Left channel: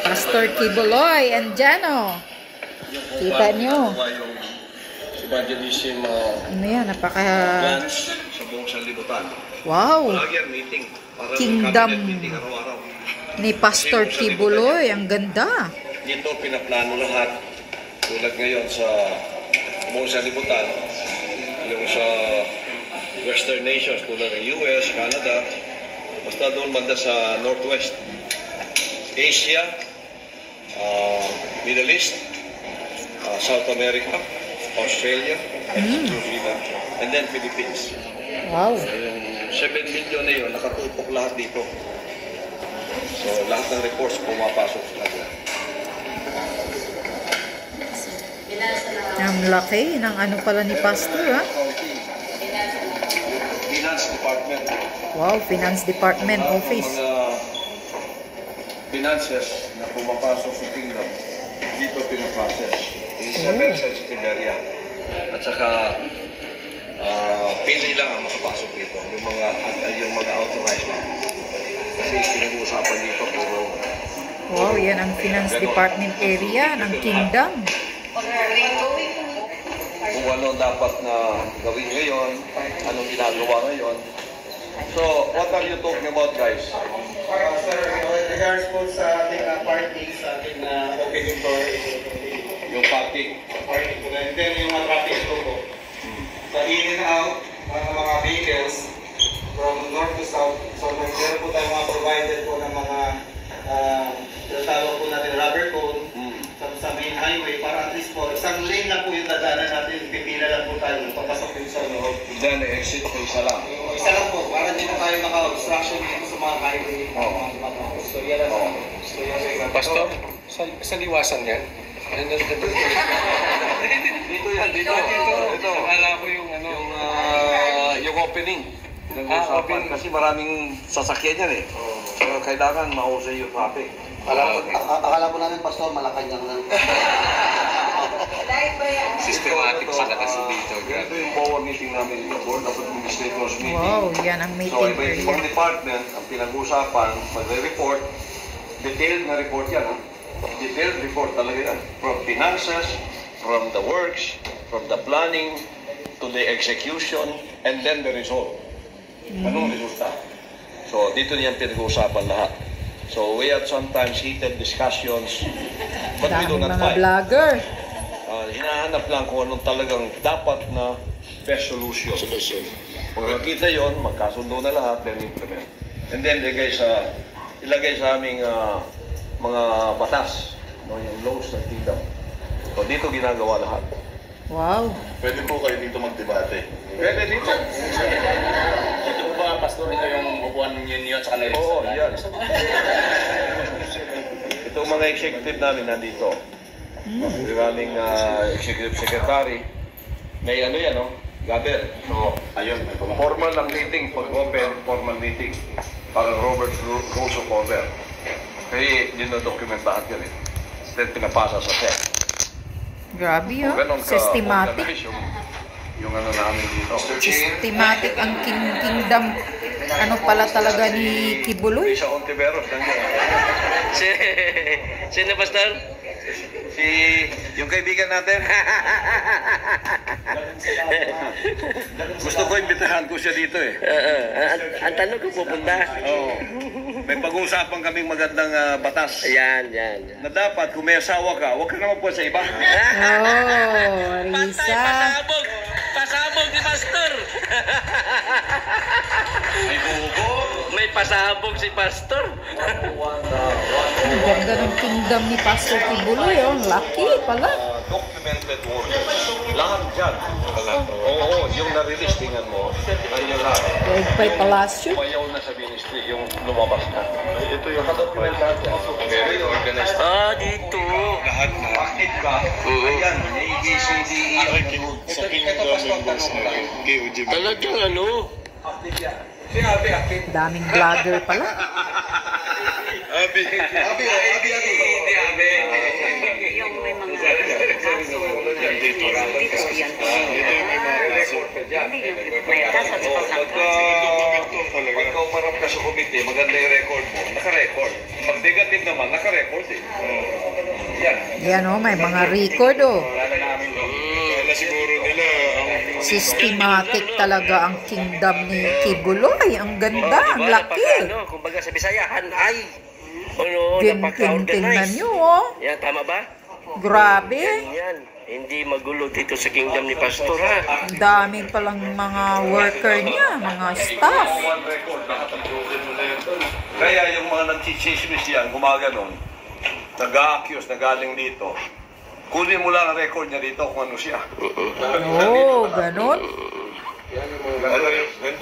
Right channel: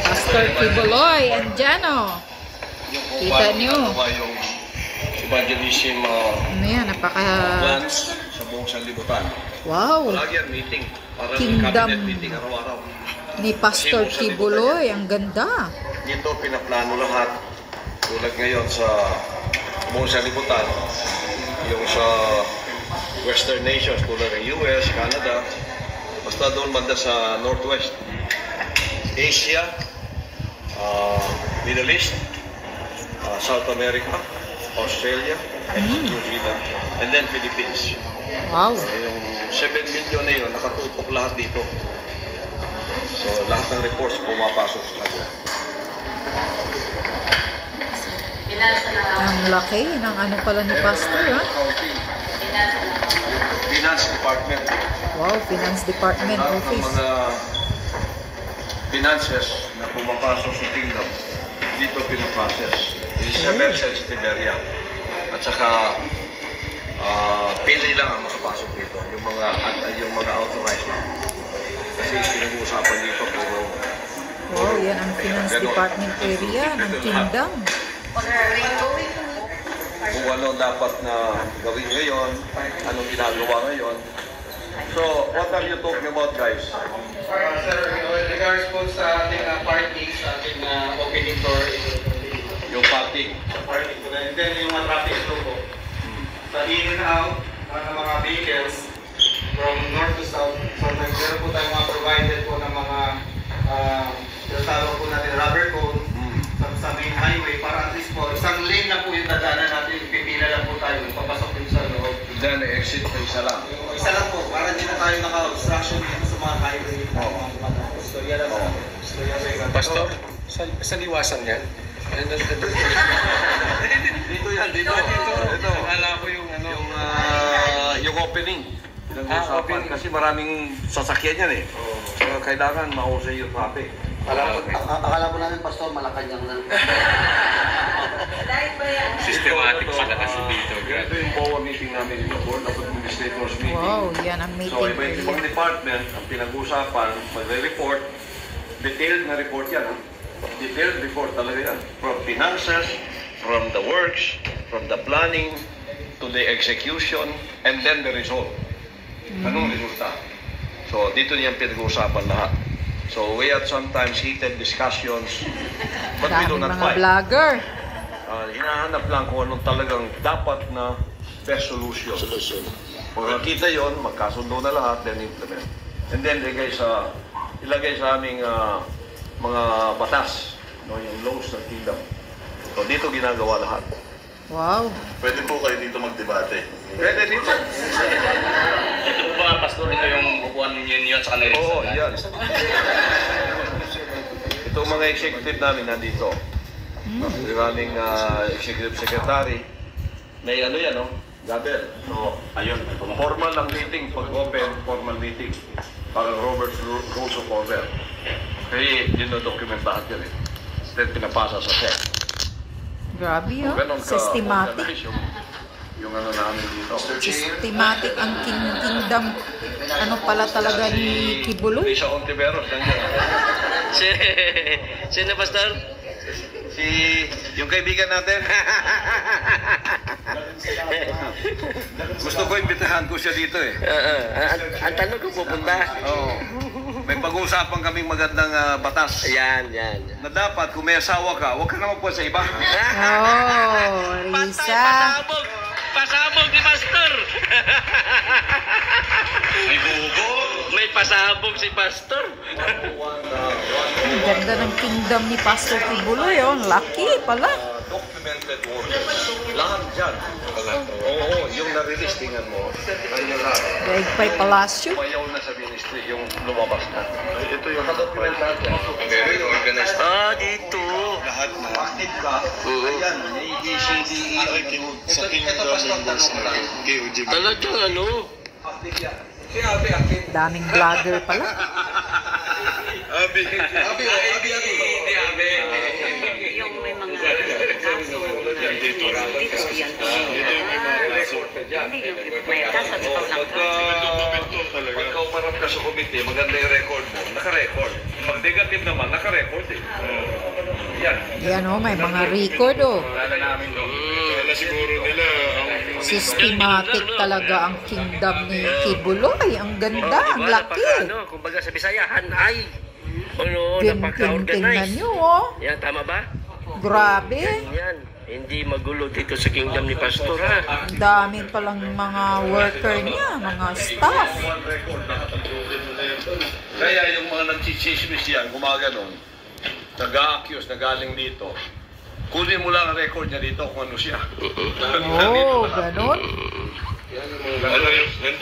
Pastor Kibuloy and Jano. Kita nyo. Yung evangelism Ano yan, napaka... plans sa buong sanlibutan. Wow! Lagi ang meeting. Para Kingdom meeting araw-araw. ni Pastor Kibuloy. Ang ganda. Dito pinaplano lahat. Tulad ngayon sa buong sanlibutan. Yung sa Western nations tulad ng US, Canada. Basta doon banda sa Northwest. Asia, Middle East, South America, Australia, and New Zealand, and then Philippines. Wow! Yung 7 million na yun, nakatutok lahat dito. So, lahat ng reports pumapasok sa kanila. Ang laki ng ano pala ni Pastor, ha? Finance Department. Wow, Finance Department Lahat ng Office. mga finances na pumapasok sa kingdom, dito pinaprocess. Sa sensitive area. At saka, pili lang ang makapasok dito. Yung mga authorized. Kasi pinag-uusapan dito puro... Wow, yan ang Finance Department area ng Kingdom. Kung ano dapat na gawin ngayon, anong ginagawa ngayon. So, what are you talking about, guys? Sir, with regards po sa ating parking, sa ating opening door, Yung parking. parking po na, and then yung mga traffic flow po. Sa in and out ng mga vehicles from north to south, so meron po tayong mga provided po ng mga tinatawag po natin rubber cone sa main highway para at least po isang lane lang po yung dadaanan natin, pipila lang po tayo papasok din sa loob. Then, exit pa isa lang. Isa lang po, para din na tayo naka-obstruction dito sa mga highway. So yan lang. So yan. Pastor, sa liwasan yan? Dito yan, dito. Ito. Akala ko yung ano. Yung opening. Open. Kasi maraming sasakyan yan eh. So, kailangan mahusay yung traffic. Akala po namin, Pastor, Malacanang lang. Systematic pala kasi dito. Ito yung board meeting namin dito. Board of Administrators meeting. Wow, yan ang So, meeting iba-ibang area. department ang pinag-usapan, magre-report. Detailed na report yan. Detailed report talaga yan. From finances, from the works, from the planning, to the execution, and then the result. Anong resulta? So, dito niyan pinag-uusapan lahat. So, we had sometimes heated discussions, but we do Daming not mga fight. vlogger. Hinahanap lang kung anong talagang dapat na best solution. Kung nakita yon, magkasundo na lahat, then implement. And then, ilagay sa aming mga batas, yung laws ng kingdom. So, dito ginagawa lahat. Wow. Pwede po kayo dito magdebate. Pwede dito. Ito po ba, Pastor, ito yung upuan yun sa kanila? Oo, yan. Itong mga executive namin nandito. We're running executive secretary. May ano yan, no? Gaber. So, Ayun, may pumunta. formal ang meeting, pag-open, formal meeting. Parang Robert's Rules of Order. Kasi dino-document lahat yan eh. Then pinapasa sa SEC. Grabe, oh. Ganon ka- Systematic. Yung ano namin dito. Systematic ang Kingdom. Ano pala talaga ni Kibuloy? Sa Ontiveros, nandiyan. Sino, Pastor? Si, yung kaibigan natin. Gusto ko imbitahan ko siya dito eh. Ang tanong ko pupunta. Oo. May pag-uusapan kaming magandang batas. Yan. Na dapat kung may asawa ka, huwag ka naman po sa iba. Oh, Risa. Pasabog ni Pastor. May bubo. May pasabog si Pastor. Ang ganda ng Kingdom ni Pastor Kibuloy, oh. Laki pala. Documented work. Lahat dyan. Oo, yung na-release, tingnan mo. Nandiyan lahat. Daigpay Palacio. Mayaw na sa ministry, yung lumabas na. Ito yung nakadocument lahat yan. Very organized. Dito. Lahat na. Active ka. Ayan, A, B, C, D, E, Sa kingdom members na KOG. Talagang ano? active yan. Sinabi, active. Daming vlogger pala. Abi. Hindi, Abe. Yung may mga... Dito yung may mga kaso. Pagka umarap ka sa komite, maganda yung record mo. Naka-record. Pag negative naman, naka-record eh. Yan. Yan o, may mga record o. Kala siguro nila ang Systematic talaga ang kingdom ni Kibuloy. Ang ganda, ang laki. Kumbaga sa Bisayahan ay Tingnan nyo oh. Yan, tama ba? Grabe. Yan. Hindi magulo dito sa kingdom ni Pastor ha. Ang daming palang mga worker niya, mga staff. Kaya yung mga nagchichismis yan, gumaganon, nag-a-accuse na galing dito, kunin mo lang ang record niya dito kung ano siya. Oo, ganun.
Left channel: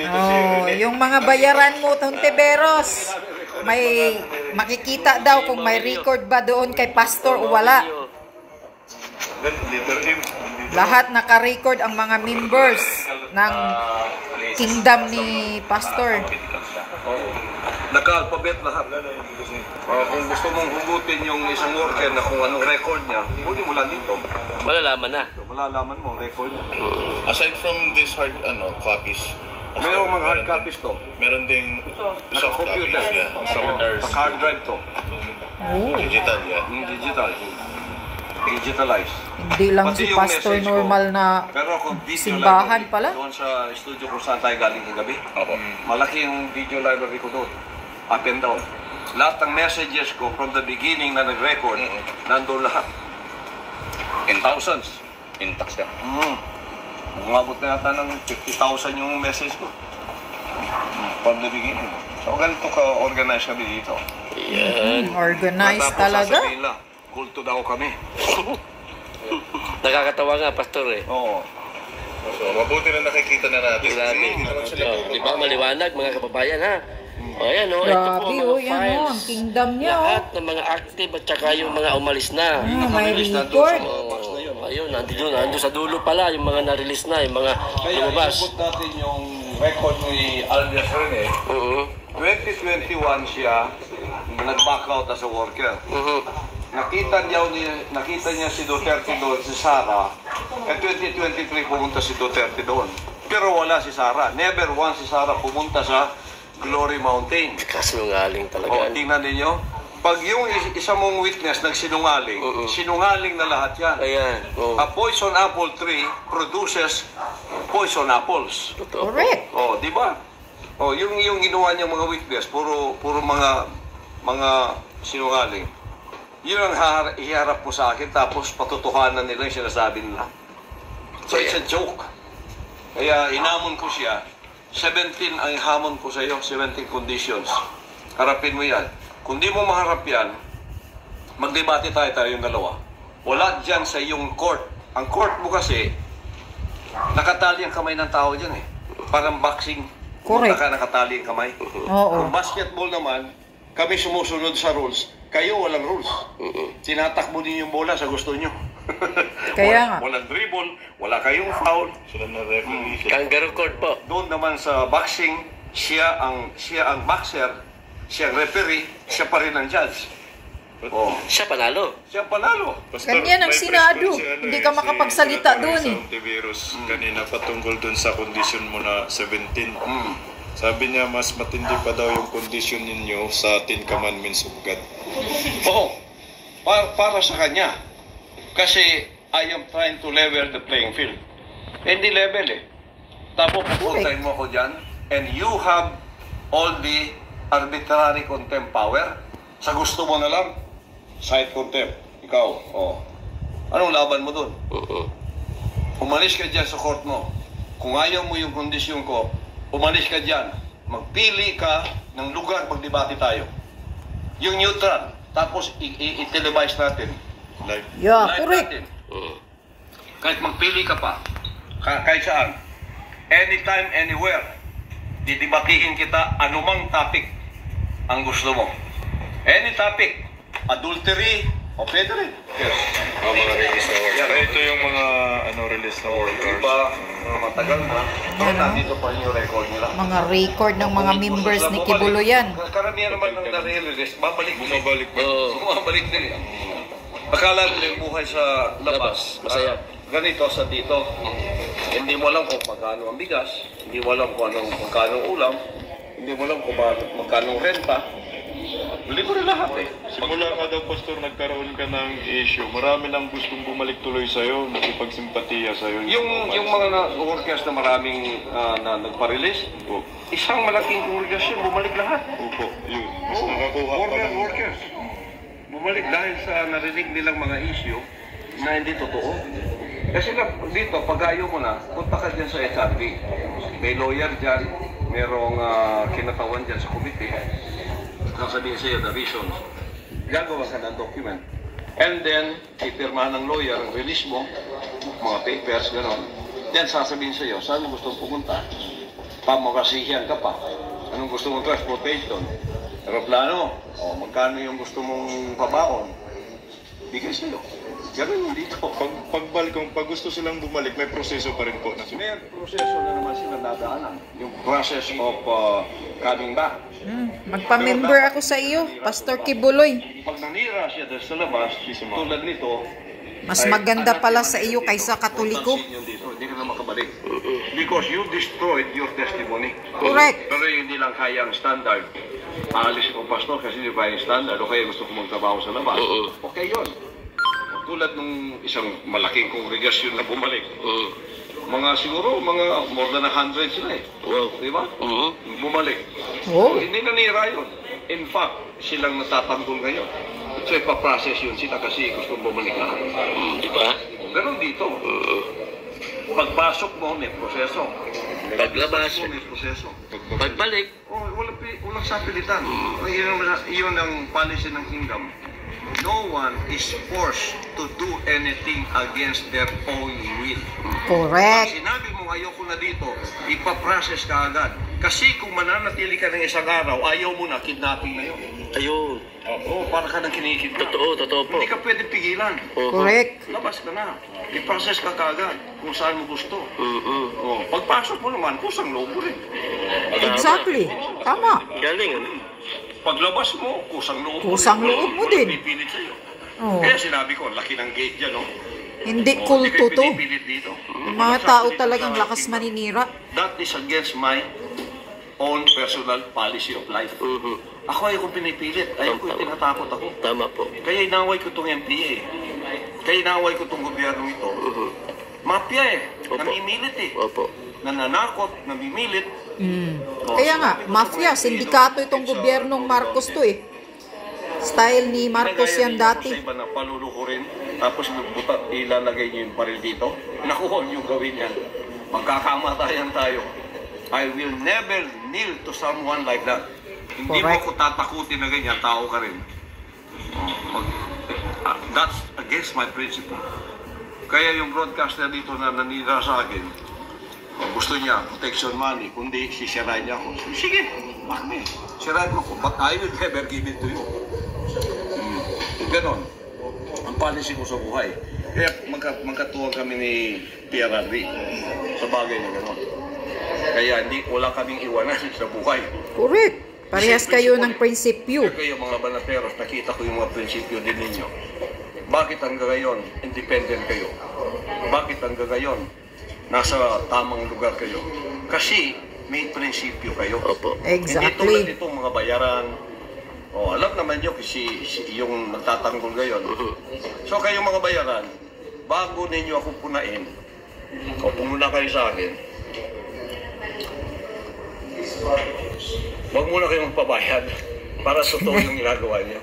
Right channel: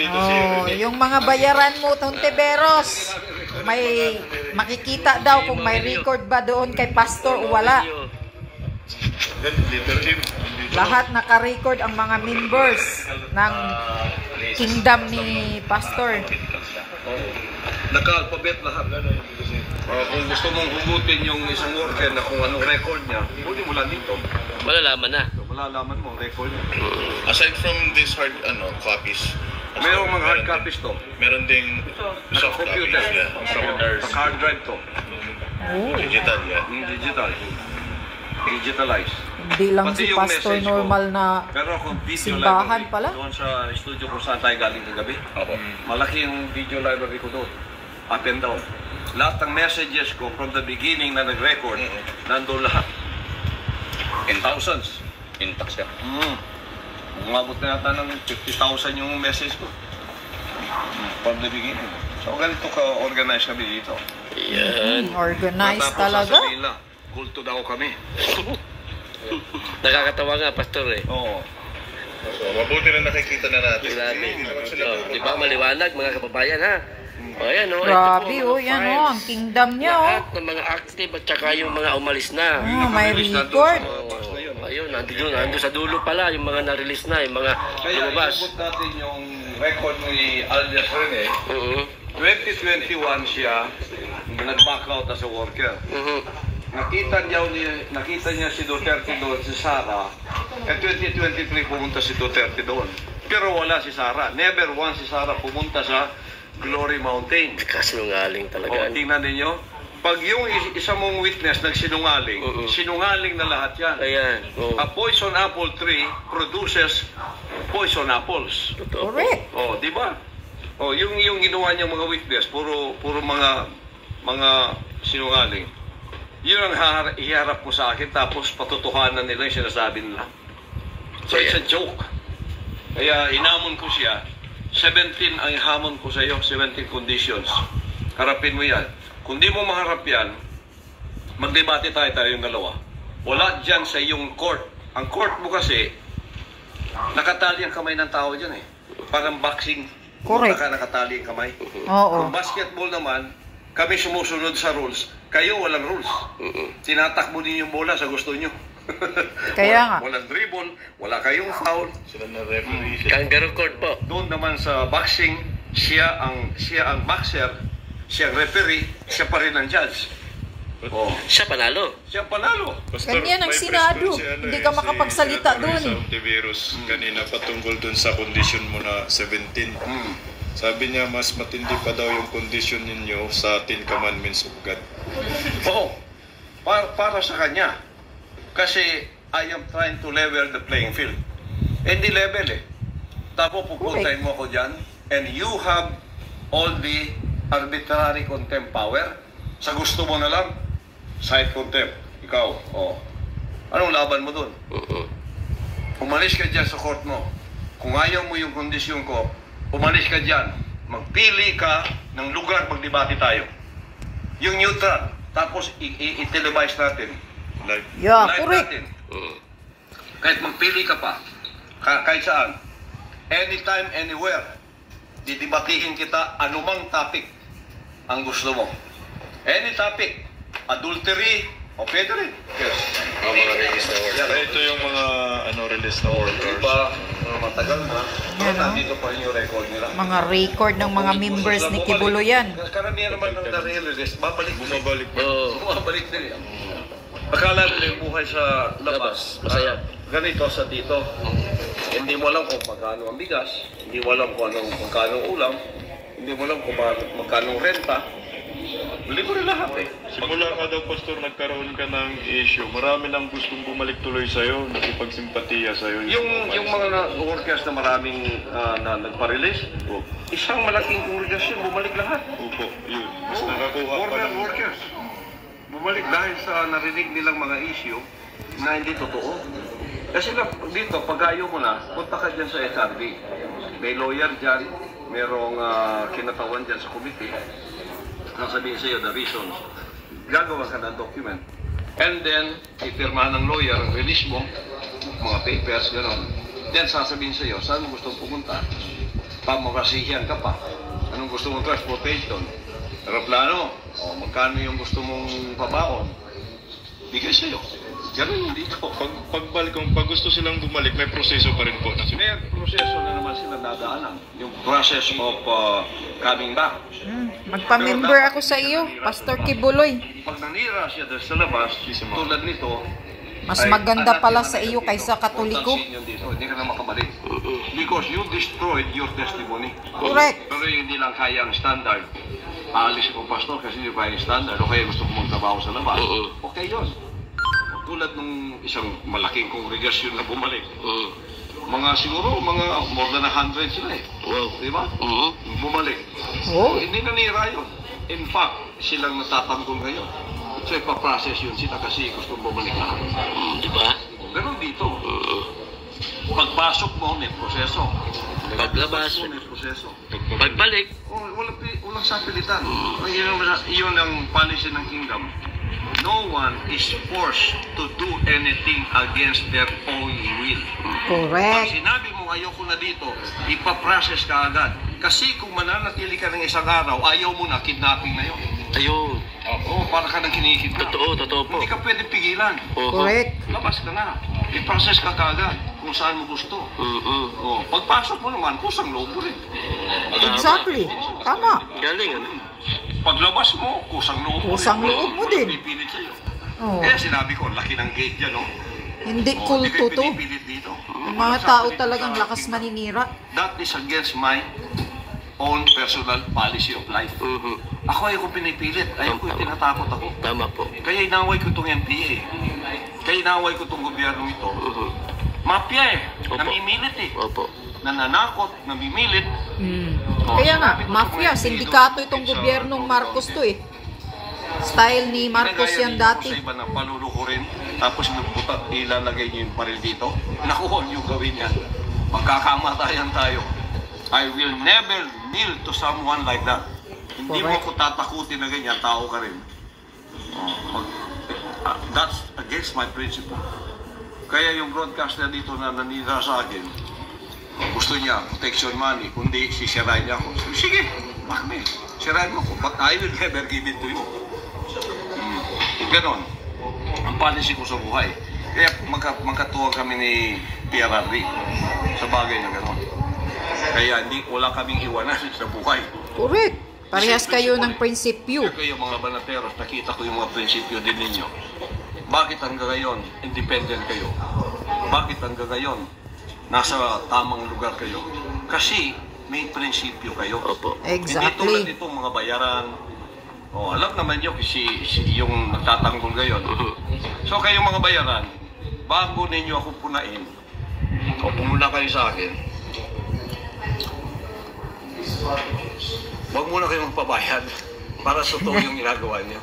Oh, yung mga bayaran mo, Tontiveros, may makikita daw kung may record ba doon kay Pastor o wala. Lahat naka-record ang mga members ng kingdom ni Pastor. Naka-alphabet lahat. Kung gusto mong hugutin yung isang worker na kung anong record niya, kunin mo lang dito. Malalaman na. Malalaman mo ang record niya. aside from these hard copies, Mayroong mga hard copies to. meron ding soft copies. Computer. Yeah. Sa hard drive to. Oh, Digital, yeah. Digital. Digitalized. hindi lang Pati si yung Pastor message ko. normal na Pero kung video simbahan library, pala. doon sa studio kung saan tayo galing kagabi, malaki yung video library ko doon. Up and down. Lahat ng messages ko from the beginning na nag-record, nandun lahat. In thousands. Intact siya. Umabot na yata ng 50,000 yung message ko. From the beginning. So ganito ka-organize kami dito. Yan. Organized Tapos talaga. sasabihin na, kulto daw kami. Nakakatawa nga, Pastor eh. Oo. So, mabuti na nakikita na natin. Grabe. Hindi naman sila Di ba maliwanag mga kababayan ha? O yan o. Grabe oh, yan oh, ang kingdom niya oh. Lahat ng mga active at saka yung mga umalis na. May record. Ayun, nandun sa dulo pala yung mga na-release na, yung mga Kaya lumabas. inabot natin yung record ni Aldes Rene. Oo. 2021 siya, nag-back out as a worker. Nakita niya si Duterte doon, si Sara. At 2023 pumunta si Duterte doon. Pero wala si Sara. Never once si Sara pumunta sa Glory Mountain. Kasinungaling O, talaga. tingnan ninyo. Pag yung isa mong witness nagsinungaling, sinungaling na lahat yan. Ayan. A poison apple tree produces poison apples. Correct. Oh, di ba? Oh, yung ginawa niya mga witness, puro mga sinungaling. Yun ang iharap mo sa akin, tapos patutuhanan nila yung sinasabi nila. So it's a joke. Kaya inamon ko siya. 17 ang hamon ko sa iyo, 17 conditions. Harapin mo yan. Kung di mo maharap yan, magdebate tayo yung dalawa. Wala dyan sa iyong court. Ang court mo kasi, nakatali ang kamay ng tao dyan eh. Parang boxing. Correct. Nakatali ang kamay. Oo. Kung basketball naman, kami sumusunod sa rules. Kayo walang rules. Tinatakbo din yung bola sa gusto nyo. Kaya nga. Walang dribble, wala kayong foul. Sila na referee. Kangaroo court po. Doon naman sa boxing, siya ang boxer, siya ang referee, siya pa rin ang judge. Oh, Siya panalo. siya panalo. Ganyan ang Senado. Hindi ka makapagsalita doon eh. Virus kanina patungkol dun sa condition mo na 17. Sabi niya mas matindi pa daw yung condition ninyo sa 10 commandments of God. Oo. Para sa kanya. Kasi I am trying to level the playing field. Hindi level eh. Tapos pupuntahin mo ako dyan and you have all the arbitrary contempt power. Sa gusto mo na lang, side contempt. Ikaw, oh. Anong laban mo dun? Umalis ka dyan sa court mo. Kung ayaw mo yung kondisyon ko, umalis ka dyan. Magpili ka ng lugar, magdebate tayo. Yung neutral. Tapos i-televise natin. Live. Yeah, Live correct. natin. Kahit magpili ka pa. Kahit saan. Anytime, anywhere. Didebatiin kita anumang topic ang gusto mo. Any topic. Adultery. O pwede rin. Yes. Mga release na workers. Ito yung mga release na workers. Diba? Matagal na. Yan, no? Nandito pa yung record nila. Mga record ng mga members ni Kibuloy yan. Karamihan naman ng nare-release, babalik. Bumabalik pa. Oo. Bumabalik din yan. Akala nila yung buhay sa labas. Masaya. Ganito sa dito. Hindi mo alam kung magkano ang bigas, hindi mo alam kung magkano ang ulam, hindi mo alam kung magkano ang renta. Hindi ko na lahat eh. Simula ka daw, Pastor, nagkaroon ka ng issue. Marami nang gustong bumalik tuloy sa'yo, makipagsimpatiya sa'yo. Yung mga workers na maraming na nagpa-release, isang malaking congregation, bumalik lahat. Opo, yun. Mas nakakuha pa Foreign ng... workers. Bumalik dahil sa narinig nilang mga issue na hindi totoo. Kasi dito, pag ayaw mo na, punta ka dyan sa SRB. May lawyer dyan, merong kinatawan dyan sa committee. Sasabihin sa'yo the reasons. Gagawa ka ng document. And then, ipirmahan ng lawyer, release mo, mga papers, gano'n. Then, sasabihin sa'yo, saan mo gusto pumunta? Pamakasihiyan ka pa. Anong gusto mong transportation? Aeroplano? O magkano yung gusto mong pabaon? Bigay sa'yo. Gano'n yung dito. Pag gusto silang bumalik, may proseso pa rin po. May proseso na naman sila dadaanan. Yung process of coming back. Magpa-member ako sa iyo, Pastor Kibuloy. Pag nanira siya sa labas, tulad nito, Mas maganda pala sa iyo kaysa Katoliko. Hindi ka na makabalik. Because you destroyed your testimony. Correct. Pero hindi lang kaya ang standard. Aalis ko, Pastor, kasi hindi kaya ang standard. O kaya gusto ko magtrabaho sa labas. Okay yun. Tulad ng isang malaking kongregasyon na bumalik. Mga siguro, mga more than 100 sila eh. Wow. Di ba? Bumalik. Oh. Hindi nanira yun. In fact, silang natatanggol ngayon. So, ipaprocess yun sila kasi gusto bumalik lahat. Di ba? Pero dito, pagpasok mo, may proseso. Paglabas, May proseso. pagbalik. Oh, walang sapilitan. Yun ang policy ng kingdom. No one is forced to do anything against their own will. Pag Correct. sinabi mo ayoko na dito, ipaprocess ka agad. Kasi kung mananatili ka ng isang araw, ayaw mo na, kidnapping na yun. Ayun. Oo, para ka nang kinikidnap. Totoo po. Hindi ka pwede pigilan. Correct. Labas ka na. I-process ka kaagad kung saan mo gusto. Oh, pagpasok mo naman, kusang loob mo rin. Exactly. Tama. Galing, ano? Paglabas mo, kusang loob mo. Kusang loob mo din. Pipilit sa'yo. Oh. Kaya sinabi ko, laki ng gate dyan, no? Hindi Hindi kulto kayo to. pinipilit dito. Yung mga tao talagang lakas maninira. That is against my own personal policy of life. Ako ayaw kong pinipilit. Ayaw ko yung tinatakot ako. Tama po. Kaya inaway ko itong NPA. Kaya inaway ko itong gobyerno ito. Mafia eh. Opo. Namimilit eh. Opo. Nananakot, namimilit. Kaya nga, mafia, sindikato itong gobyernong Marcos to eh. Style ni Marcos yan dati. Sa iba na paluluko rin. Tapos buta, ilalagay niyo yung paril dito. Naku, huwag niyo gawin yan. Magkakamatayan tayo. I will never kneel to someone like that. Hindi Correct. mo ko tatakutin na ganyan, tao ka rin. That's against my principle. Kaya yung broadcaster dito na nanira sa akin, gusto niya protection money, kundi sisirain niya ako. Sige, bakit? Sirain mo ko, but I will never give it to you. Ganon. Ang policy ko sa buhay. Kaya magkatuwang kami ni PRRD sa bagay na ganon. Kaya wala kaming iwanan sa buhay. Correct. Parehas kayo ng prinsipyo. Kaya kayo mga banateros, nakita ko yung mga prinsipyo din ninyo. Bakit hanggang ngayon, independent kayo? Bakit hanggang ngayon, nasa tamang lugar kayo? Kasi may prinsipyo kayo. Opo. Hindi tulad Exactly. itong mga bayaran. O, alam naman nyo kasi yung nagtatanggol ngayon. So kayong mga bayaran, bago ninyo ako punain, o pumuna kayo sa akin, huwag muna kayong pabayad para sa totoo yung ginagawa niyo.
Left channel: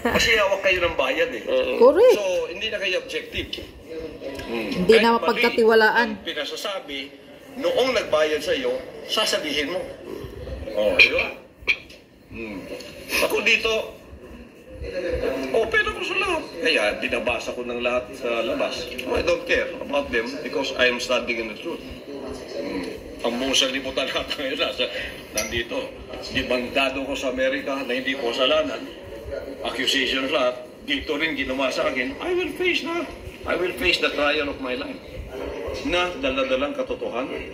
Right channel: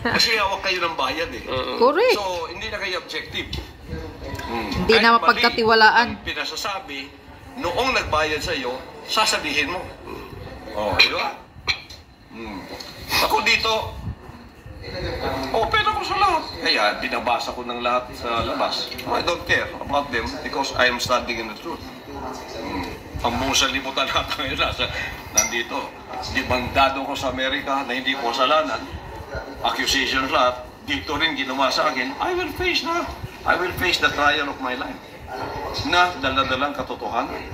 Kasi hawak kayo ng bayad eh. Correct. So, hindi na kayo objective. Hindi na mapagkatiwalaan. Ang pinasasabi, noong nagbayad sa iyo, sasabihin mo. Oh, di ba? Ako dito, open ako sa lahat. Kaya, binabasa ko ng lahat sa labas. I don't care about them because I am standing in the truth. Ang buong salimutan natin ngayon nandito. Dibandado ko sa Amerika na hindi ko kasalanan. Accusations lahat. Dito rin ginawa sa akin. I will face the trial of my life. Na daladalang katotohanan.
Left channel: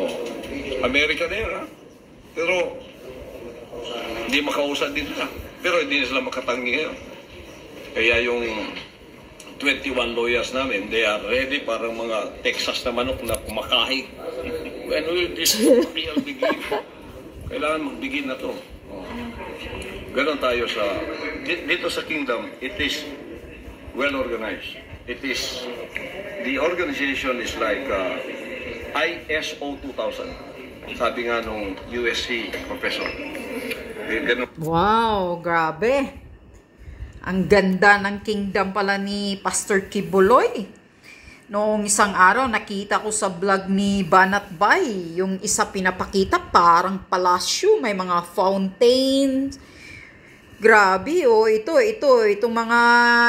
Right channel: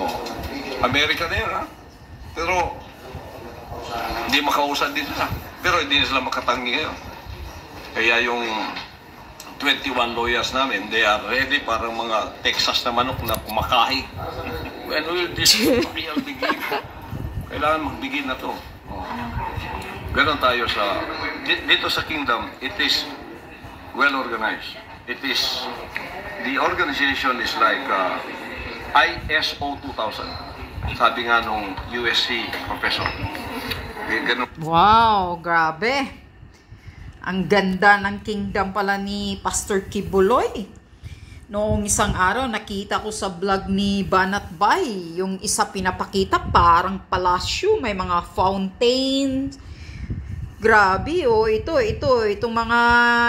Oh. Amerika na yun, ha? Pero hindi makausad din sila. Pero hindi sila makatangi ngayon. Kaya yung 21 lawyers namin, they are ready parang mga Texas na manok na kumakain. When will this real begin? Kailangan mag-begin na to. Ganon tayo sa, dito sa kingdom, it is well organized. It is, the organization is like ISO 2000. Sabi nga nung USC professor. Ganon. Wow, grabe. Ang ganda ng kingdom pala ni Pastor Kibuloy. Noong isang araw, nakita ko sa vlog ni Banat Bay, yung isa pinapakita, parang palasyo, may mga fountains. Grabe, oh, itong mga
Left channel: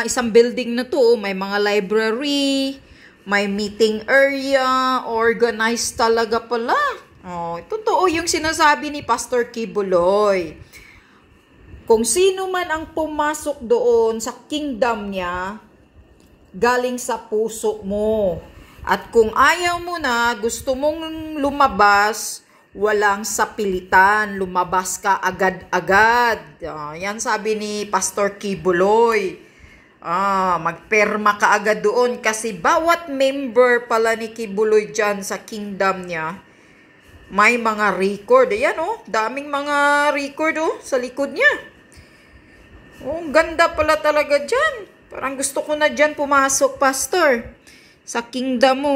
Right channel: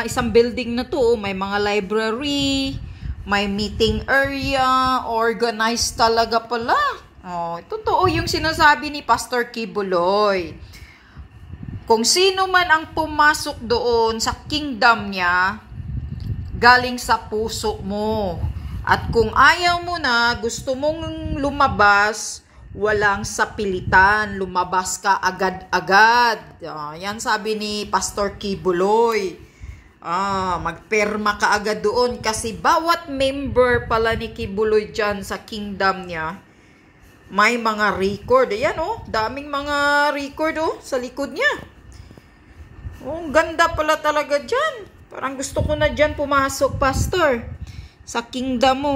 isang building na to, may mga library, may meeting area, organized talaga pala. Oh, totoo yung sinasabi ni Pastor Kibuloy. Kung sino man ang pumasok doon sa kingdom niya, galing sa puso mo. At kung ayaw mo na, gusto mong lumabas, walang sapilitan, lumabas ka agad-agad. Yan sabi ni Pastor Kibuloy. Magperma ka agad doon kasi bawat member pala ni Kibuloy dyan sa kingdom niya, may mga record. Ayan daming mga record sa likod niya. Ang ganda pala talaga dyan. Parang gusto ko na dyan pumasok, Pastor, sa kingdom mo.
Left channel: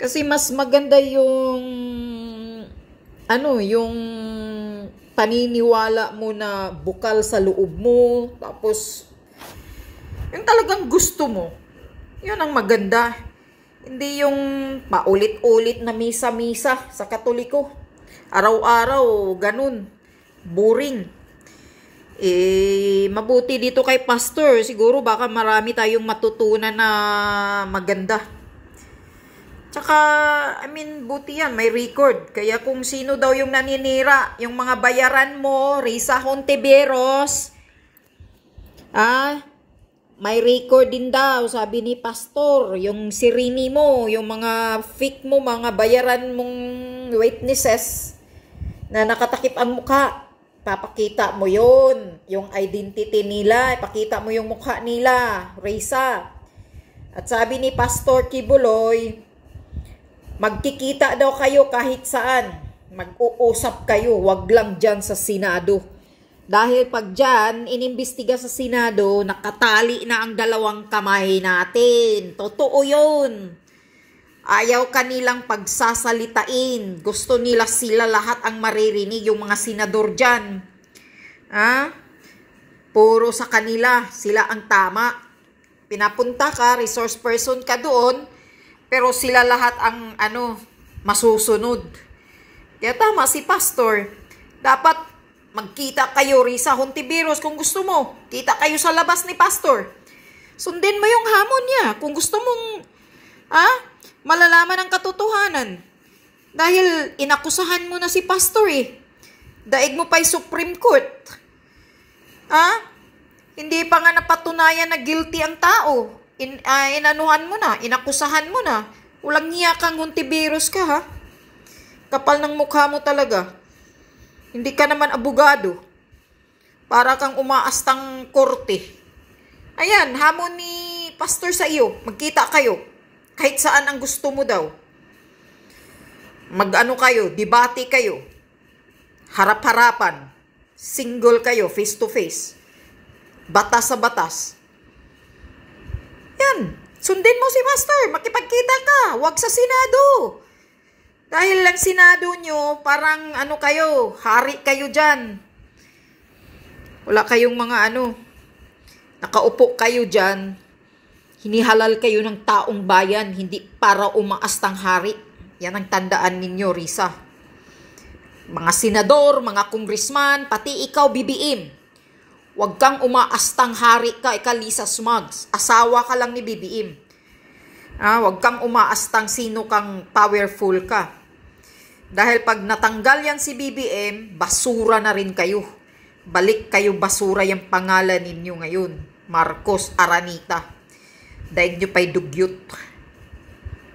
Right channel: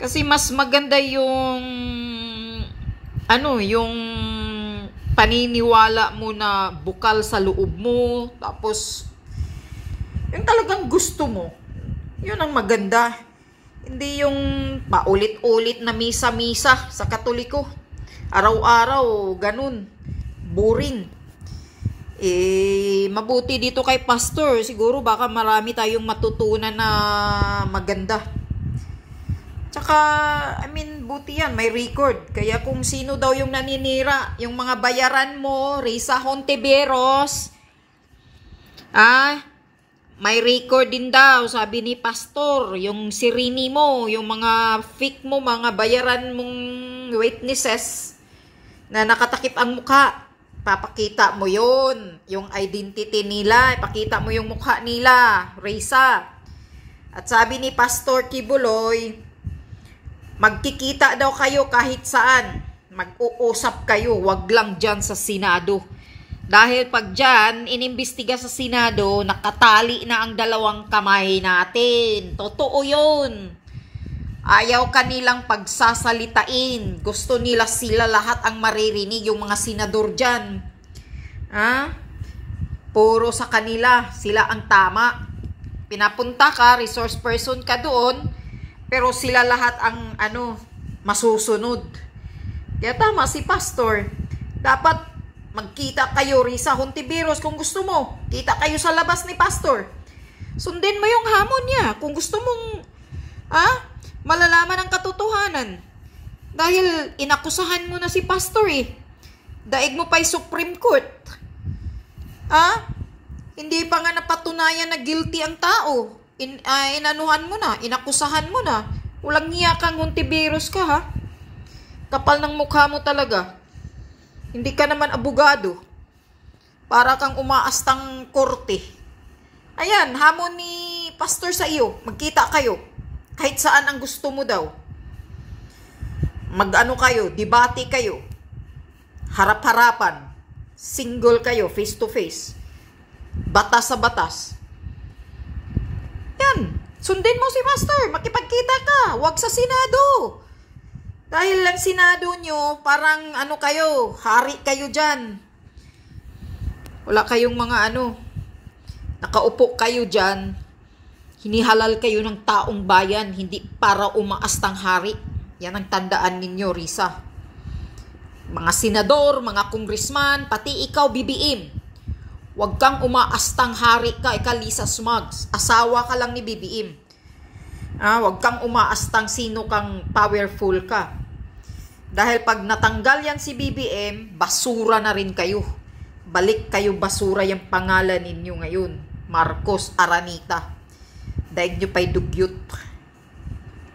Kasi mas maganda yung yung paniniwala mo na bukal sa loob mo. Tapos, yung talagang gusto mo. Yun ang maganda. Hindi yung paulit-ulit na misa-misa sa Katoliko. Araw-araw, ganun. Boring. Mabuti dito kay Pastor. Siguro baka marami tayong matutunan na maganda. Tsaka, buti yan, may record. Kaya kung sino daw yung naninira, yung mga bayaran mo, Risa Hontiveros, may record din daw, sabi ni Pastor. Yung sirini mo, yung mga fake mo, mga bayaran mong witnesses na nakatakip ang mukha. Papakita mo yun, yung identity nila, ipakita mo yung mukha nila, Risa. At sabi ni Pastor Kibuloy, magkikita daw kayo kahit saan, mag-uusap kayo, wag lang dyan sa Senado. Dahil pag dyan, inimbestiga sa Senado, nakatali na ang dalawang kamay natin. Totoo yun. Ayaw kanilang pagsasalitain. Gusto nila sila lahat ang maririnig, yung mga senador dyan. Puro sa kanila, sila ang tama. Pinapunta ka, resource person ka doon, pero sila lahat ang masusunod. Kaya tama si Pastor. Dapat magkita kayo, Risa Hontiveros, kung gusto mo. Kita kayo sa labas ni Pastor. Sundin mo yung hamon niya kung gusto mong malalaman ang katotohanan. Dahil inakusahan mo na si Pastor Daig mo pa'y Supreme Court. Hindi pa nga napatunayan na guilty ang tao. Inanuhan mo na, inakusahan mo na. Walang hiya kang Hontiveros ka, Kapal ng mukha mo talaga. Hindi ka naman abogado. Para kang umaastang korte. Ayan, hamon ni Pastor sa iyo. Magkita kayo. Kahit saan ang gusto mo daw. Kayo, debate kayo. Harap-harapan. Single kayo, face to face. Batas sa batas. Yan. Sundin mo si Pastor. Makipagkita ka. Huwag sa Senado. Dahil lang Senado nyo, parang kayo, hari kayo dyan. Wala kayong mga nakaupo kayo dyan. Hinihalal kayo ng taong bayan, hindi para umaastang hari. Yan ang tandaan ninyo, Risa. Mga senador, mga congressman, pati ikaw, BBM. Huwag kang umaastang hari ka, Lisa Smugs. Asawa ka lang ni BBM. Huwag kang umaastang sino kang powerful ka. Dahil pag natanggal yan si BBM, basura na rin kayo. Balik kayo basura yung pangalan ninyo ngayon. Marcos Aranita. Daig nyo pa'y dugyot.